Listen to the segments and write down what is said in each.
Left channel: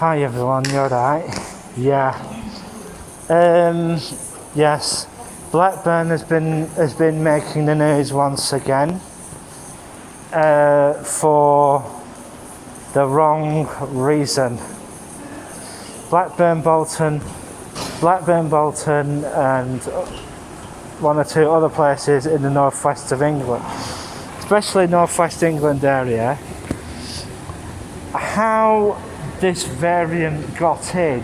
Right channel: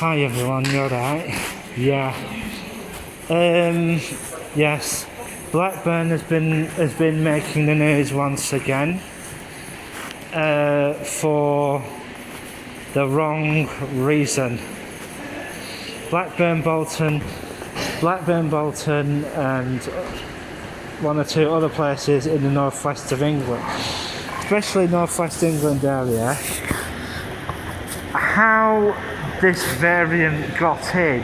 Hi everyone, you alright? Yeah. Yes. Blackburn has been making the news once again for the wrong reason. Blackburn, Bolton, and one or two other places in the northwest of England, especially northwest England area. How this variant got in,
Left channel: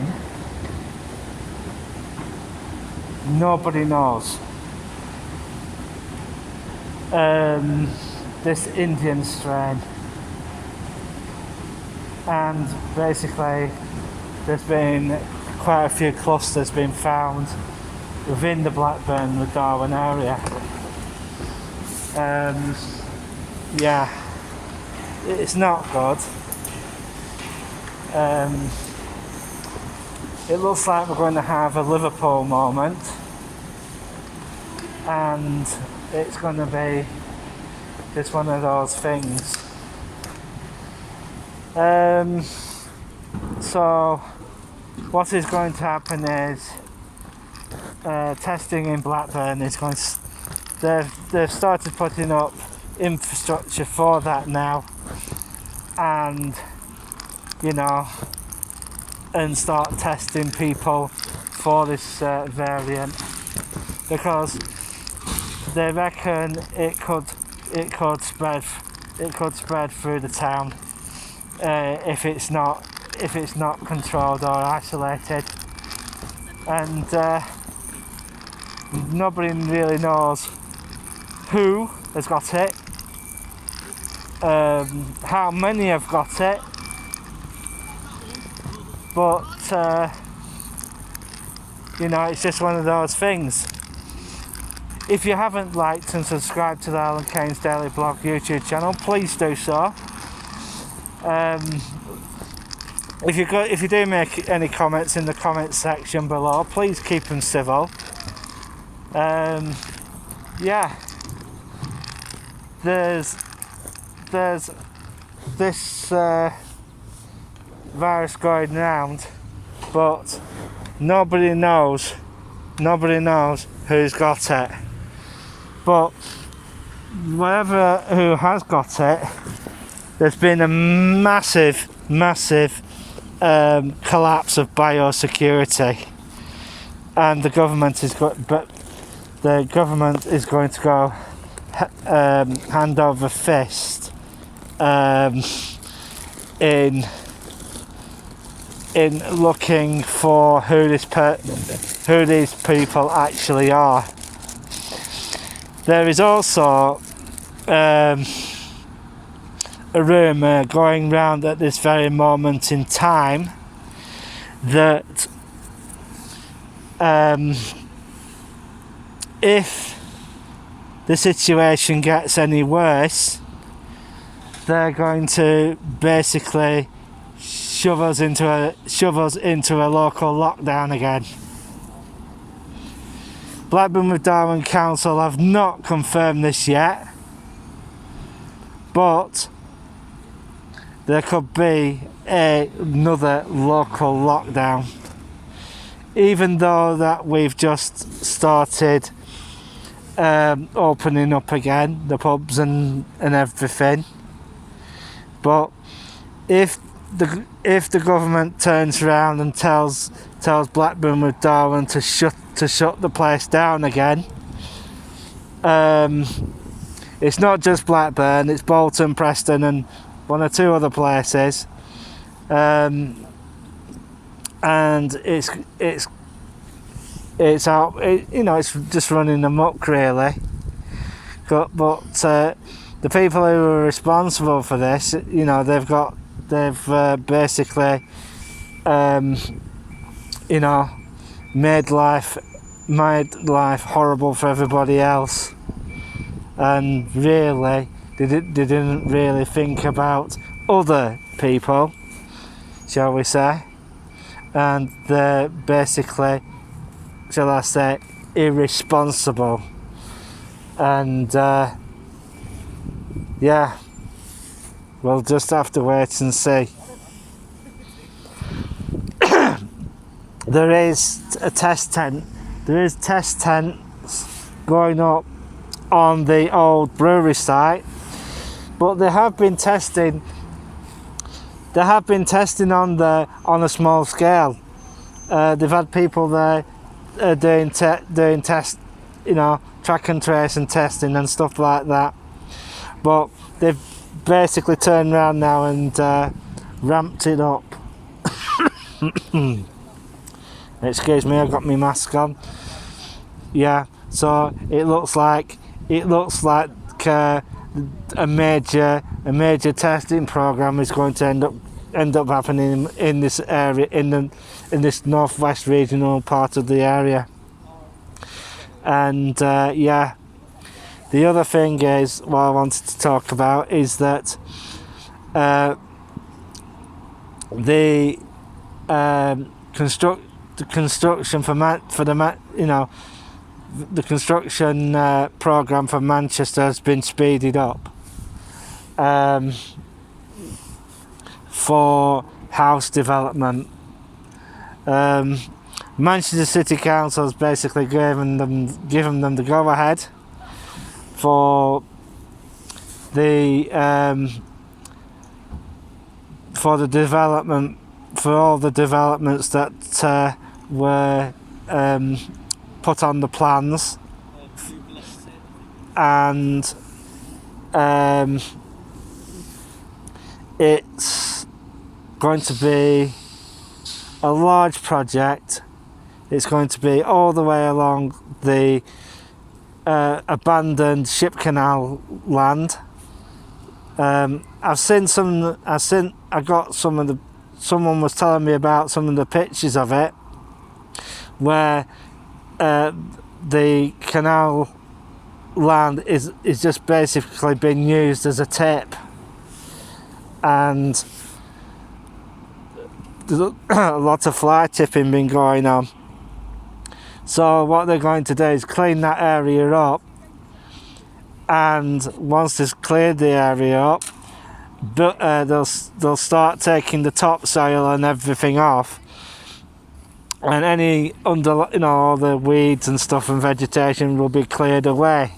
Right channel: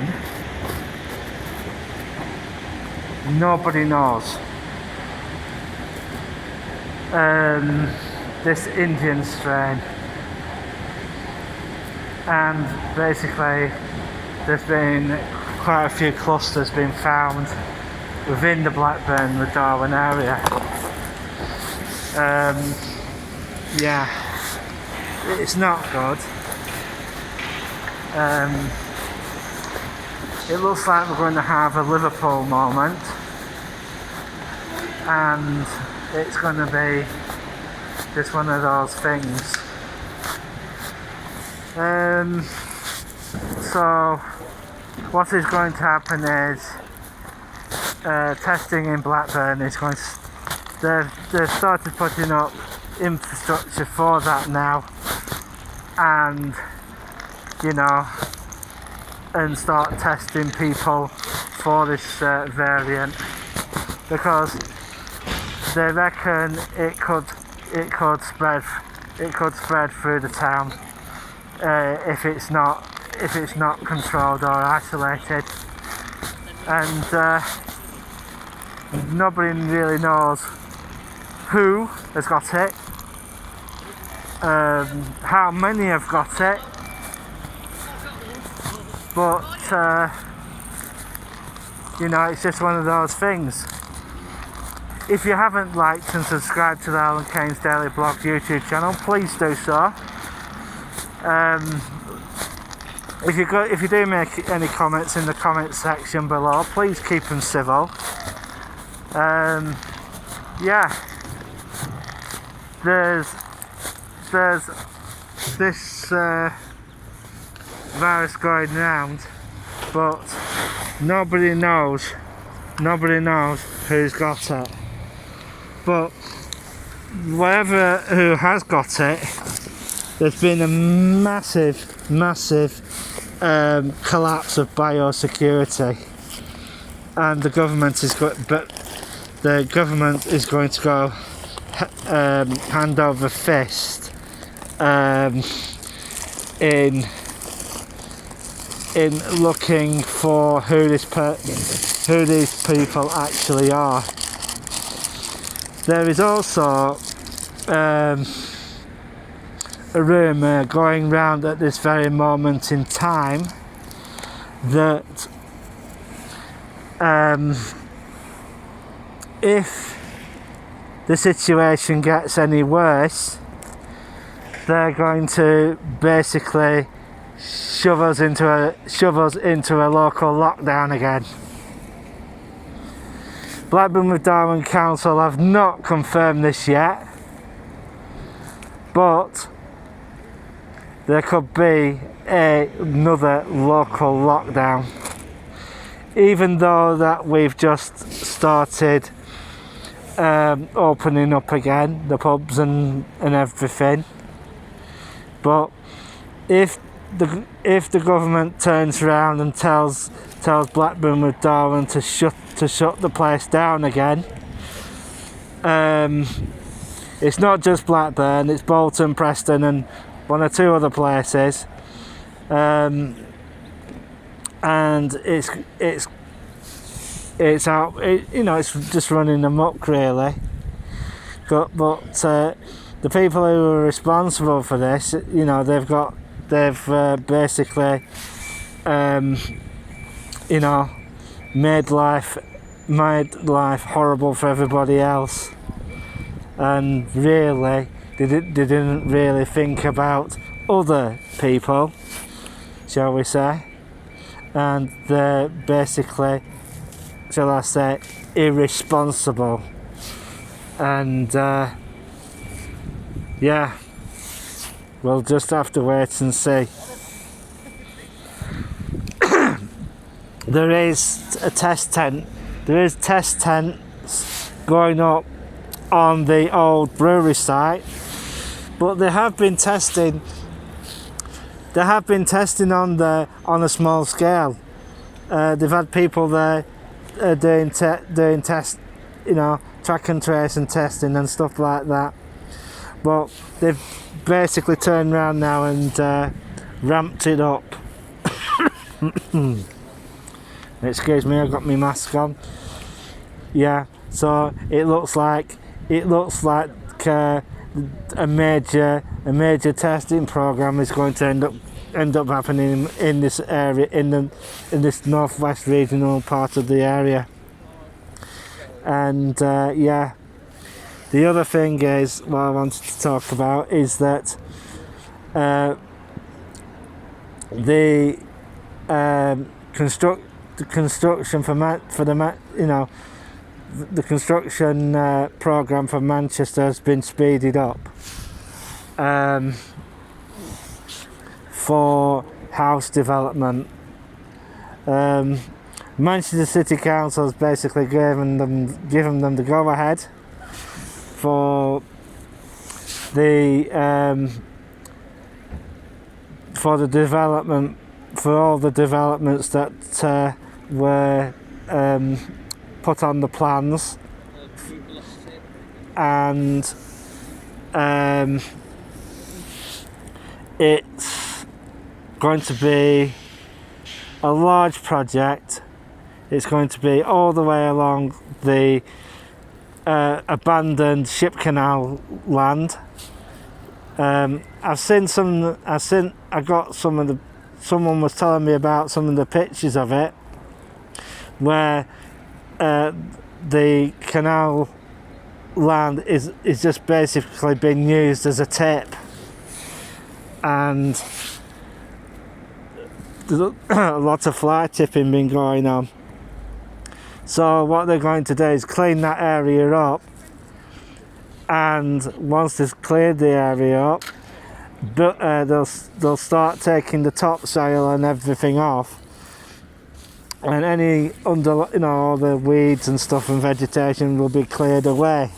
nobody knows. This Indian strain, and basically there's been quite a few clusters being found within the Blackburn, the Darwen area. Yeah, it's not good. It looks like we're going to have a Liverpool moment, and it's going to be just one of those things. So what is going to happen is testing in Blackburn is going to, they've started putting up infrastructure for that now, and and start testing people for this variant, because they reckon it could spread through the town if it's not controlled or isolated, and nobody really knows who has got it, how many have got it, but it's just one of those things. If you haven't liked and subscribed to the Alan Keynes Daily Blog YouTube channel, please do so. If you do make any comments in the comments section below, please keep them civil. Yeah, there's this virus going round, but nobody knows who's got it. But who has got it, there's been a massive collapse of biosecurity, and the government is going to go hand over fist in looking for who these people actually are. There is also a rumour going round at this very moment in time that if the situation gets any worse, they're going to basically shove us into a local lockdown again. Blackburn with Darwen Council have not confirmed this yet, but there could be another local lockdown, even though that we've just started opening up again, the pubs and everything. But if the government turns around and tells Blackburn with Darwen to shut the place down again, it's not just Blackburn, it's Bolton, Preston, and one or two other places, and it's out. It's just running amok, really. But the people who are responsible for this, they've basically made life horrible for everybody else, and really they didn't really think about other people, shall we say, and they're basically, shall I say, irresponsible. And yeah, we'll just have to wait and see. there is a test tent. There is test tents going up on the old brewery site, but they have been testing. They have been testing on a small scale. They've had people there doing test, track and trace and testing and stuff like that. But they've basically turned around now and ramped it up. Excuse me, I've got my mask on. Yeah, so it looks like a major testing program is going to end up happening in this area, in this northwest regional part of the area. And the other thing is, what I wanted to talk about is that the construction the construction program for Manchester has been speeded up for house development. Manchester City Council has basically given them the go ahead for the development, for all the developments that were put on the plans, and it's going to be a large project. It's going to be all the way along the abandoned ship canal land. Someone was telling me about some of the pictures of it, where the canal land is just basically being used as a tip, and there's a lot of fly tipping been going on. So what they're going to do is clean that area up, and once they've cleared the area up, they'll start taking the topsoil and everything off, and any all the weeds and stuff and vegetation will be cleared away.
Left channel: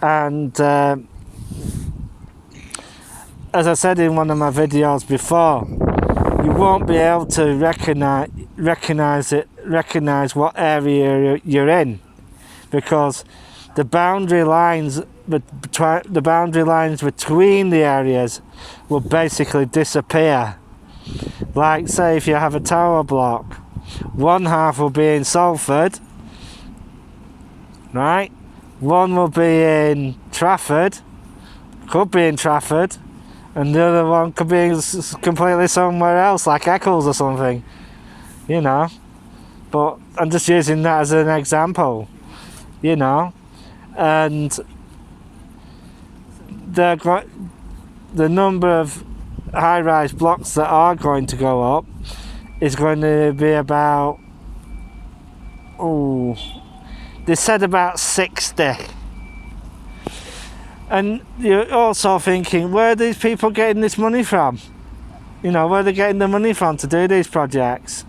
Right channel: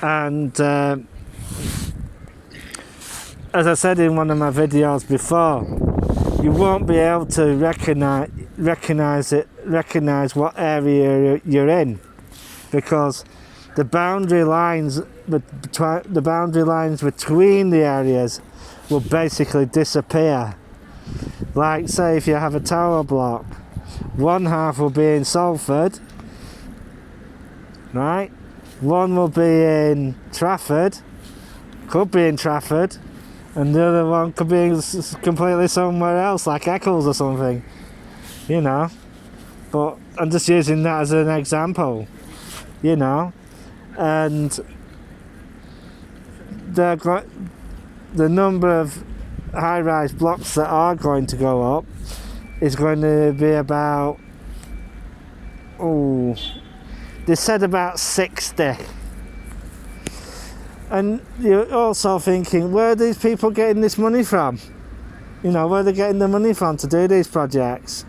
And as I said in one of my videos before, you won't be able to recognize what area you're in, because the boundary lines between the areas will basically disappear. Like, say if you have a tower block, one half will be in Salford, right? One will be in Trafford, could be in Trafford, and the other one could be completely somewhere else, like Eccles or something, But I'm just using that as an example, and the number of high-rise blocks that are going to go up is going to be about, they said about 60. And you're also thinking, where are these people getting this money from? Where are they getting the money from to do these projects?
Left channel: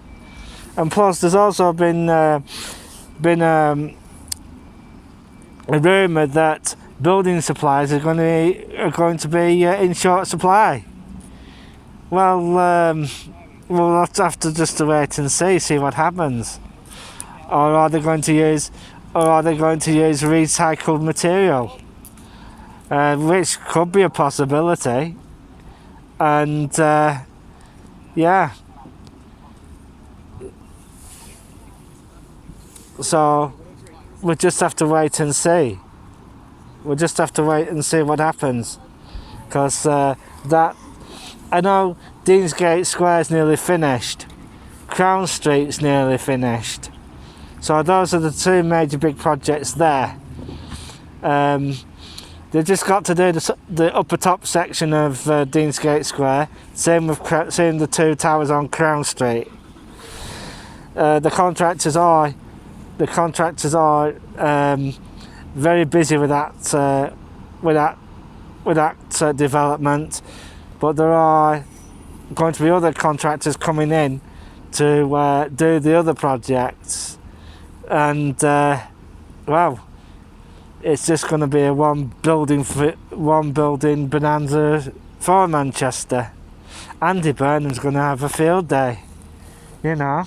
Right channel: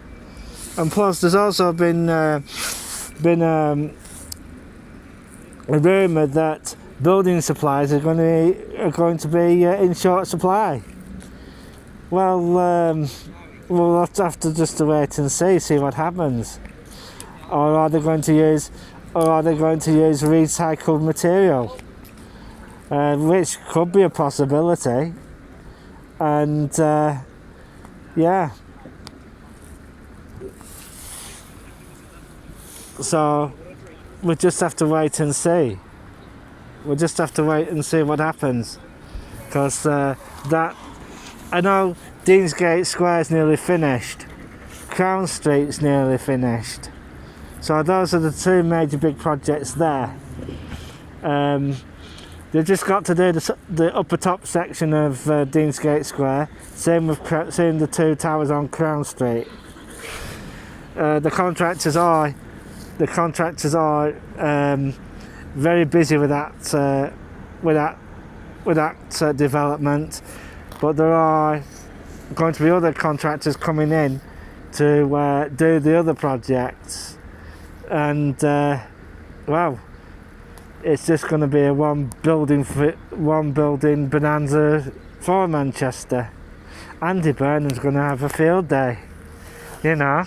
And plus, there's also been a rumour that building supplies are going to be in short supply. Well, we'll have to just wait and see what happens. Or are they going to use recycled material? Which could be a possibility. And so we'll just have to wait and see. We'll just have to wait and see what happens, because I know Deansgate Square's nearly finished, Crown Street's nearly finished, so those are the two major big projects there. They've just got to do the upper top section of Deansgate Square. Same with the two towers on Crown Street. The contractors are very busy with that development, but there are going to be other contractors coming in to do the other projects, and well, it's just going to be a one building bonanza for Manchester. Andy Burnham's going to have a field day, you know,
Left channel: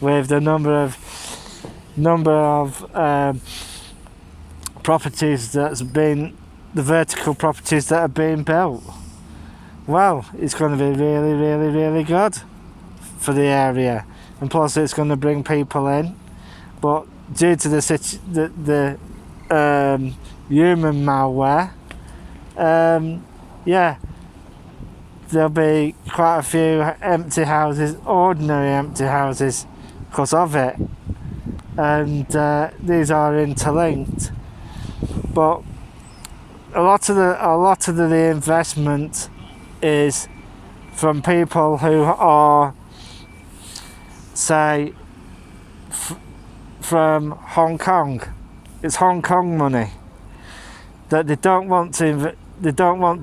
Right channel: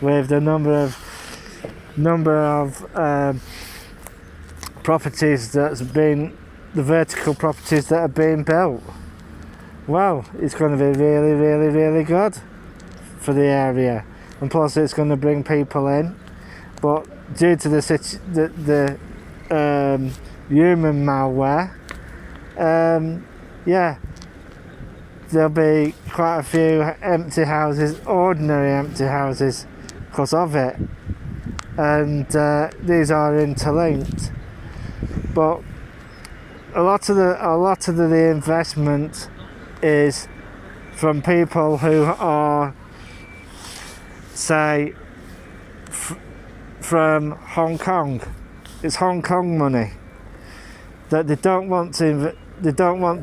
with the number of properties that's been, the vertical properties that are being built. Well, it's going to be really, really, really good for the area, and plus it's going to bring people in. But due to the human malware, yeah, there'll be quite a few empty houses, ordinary empty houses, because of it, and these are interlinked. But a lot of the investment is from people who are, say, from Hong Kong. It's Hong Kong money that they don't want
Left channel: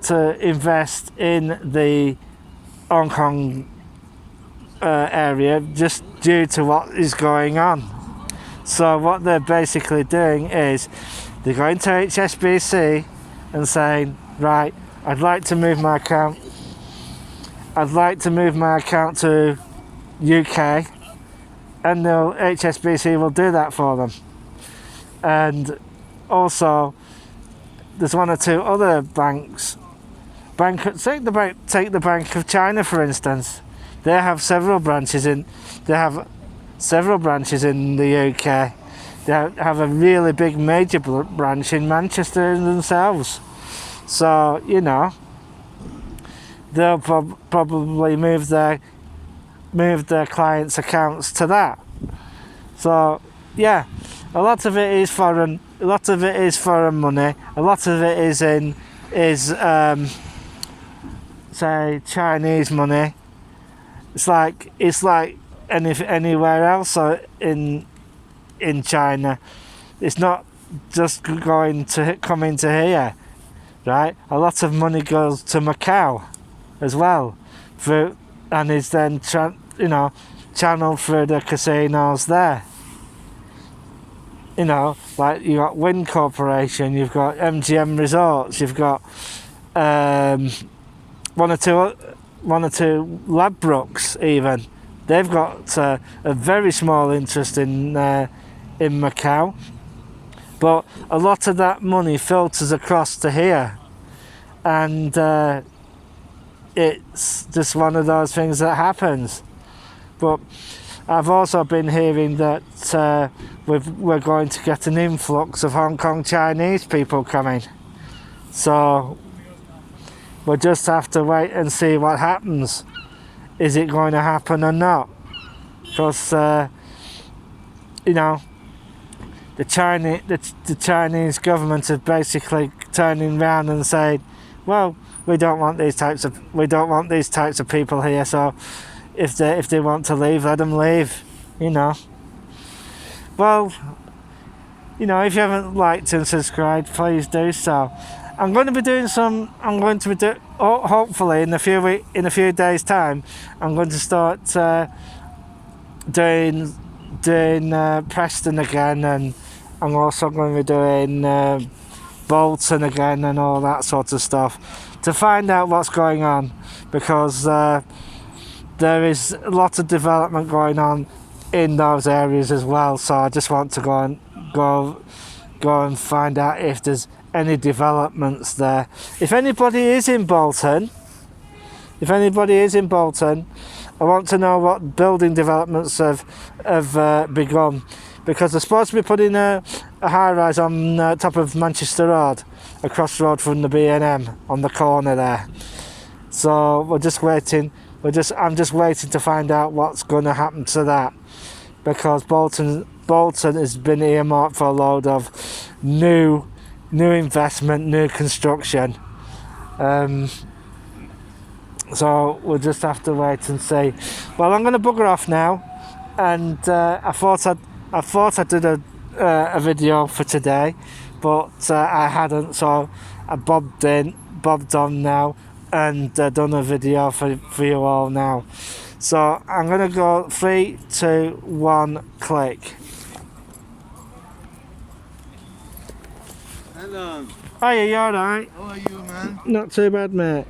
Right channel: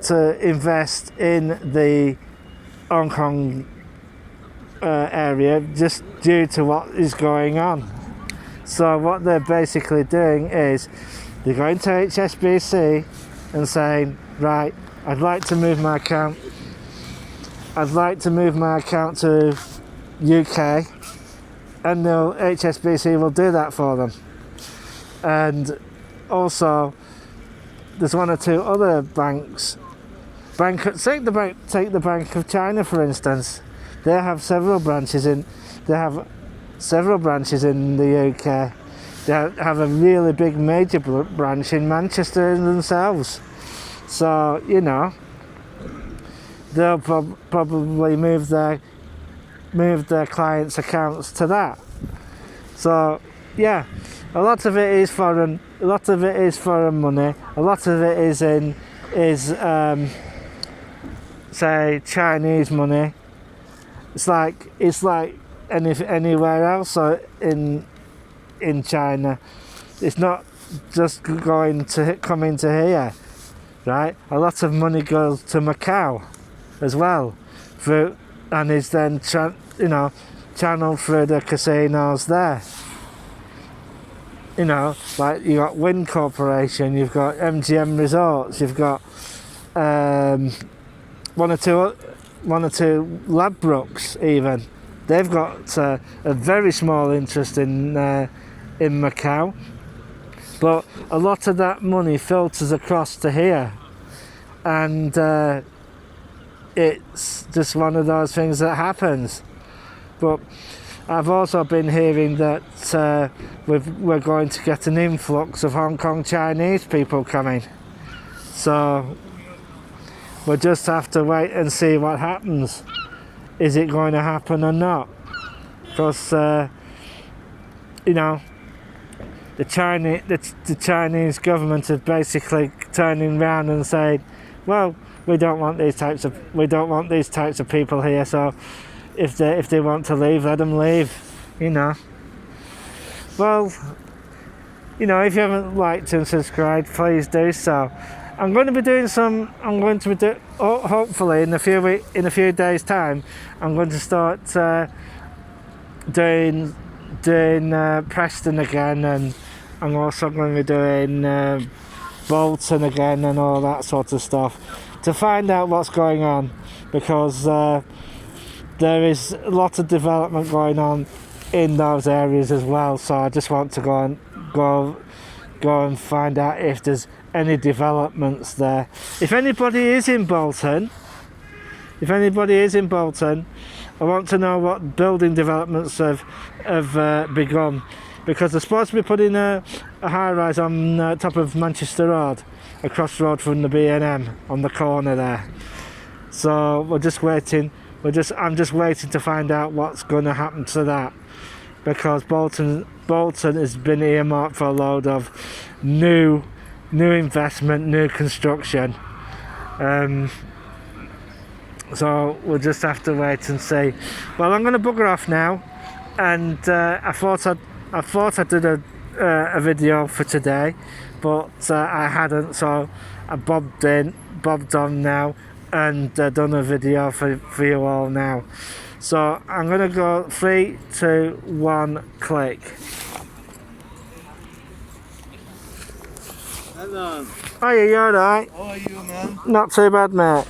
to invest in the Hong Kong area, just due to what is going on. So what they're basically doing is they're going to HSBC and saying, right, I'd like to move my account to UK, and the HSBC will do that for them. And also there's one or two other banks. Take the Bank of China, for instance. They have several branches in the UK. They have a really big major branch in Manchester themselves. So, you know, they'll probably move their clients' accounts to that. So, yeah, a lot of it is foreign. A lot of it is foreign money. A lot of it is say Chinese money. It's like anywhere else in China. It's not just going to come into here, right? A lot of money goes to Macau as well, and is then channeled through the casinos there. You know, like you got Wind Corporation, you've got MGM Resorts, you've got one or two Ladbrokes even. They've got a very small interest in Macau, but a lot of that money filters across to here, and it's just one of those things that happens. But I've also been hearing that we're going to get an influx of Hong Kong Chinese people coming, so we'll just have to wait and see what happens. Is it going to happen or not? Because you know, the Chinese government is basically turning around and saying, well, we don't want these types of people here, so if they want to leave, let them leave, you know. Well, you know, if you haven't liked and subscribed, please do so. I'm going to be doing hopefully in a few days' time, I'm going to start doing Preston again, and I'm also going to be doing Bolton again and all that sort of stuff, to find out what's going on, because there is a lot of development going on in those areas as well. So I just want to go and find out if there's any developments there. If anybody is in Bolton, I want to know what building developments have begun, because they're supposed to be putting a high-rise on top of Manchester Road, across the road from the B&M on the corner there. So we're just waiting. I'm just waiting to find out what's going to happen to that, because Bolton has been earmarked for a load of new investment, new construction. So we'll just have to wait and see. Well, I'm going to bugger off now, and I thought I did a video for today, but I hadn't, so I bobbed on now and done a video for you all now. So I'm gonna go 3, 2, 1, click. Hello. Oh yeah, you alright? How are you, man? Not too bad, mate.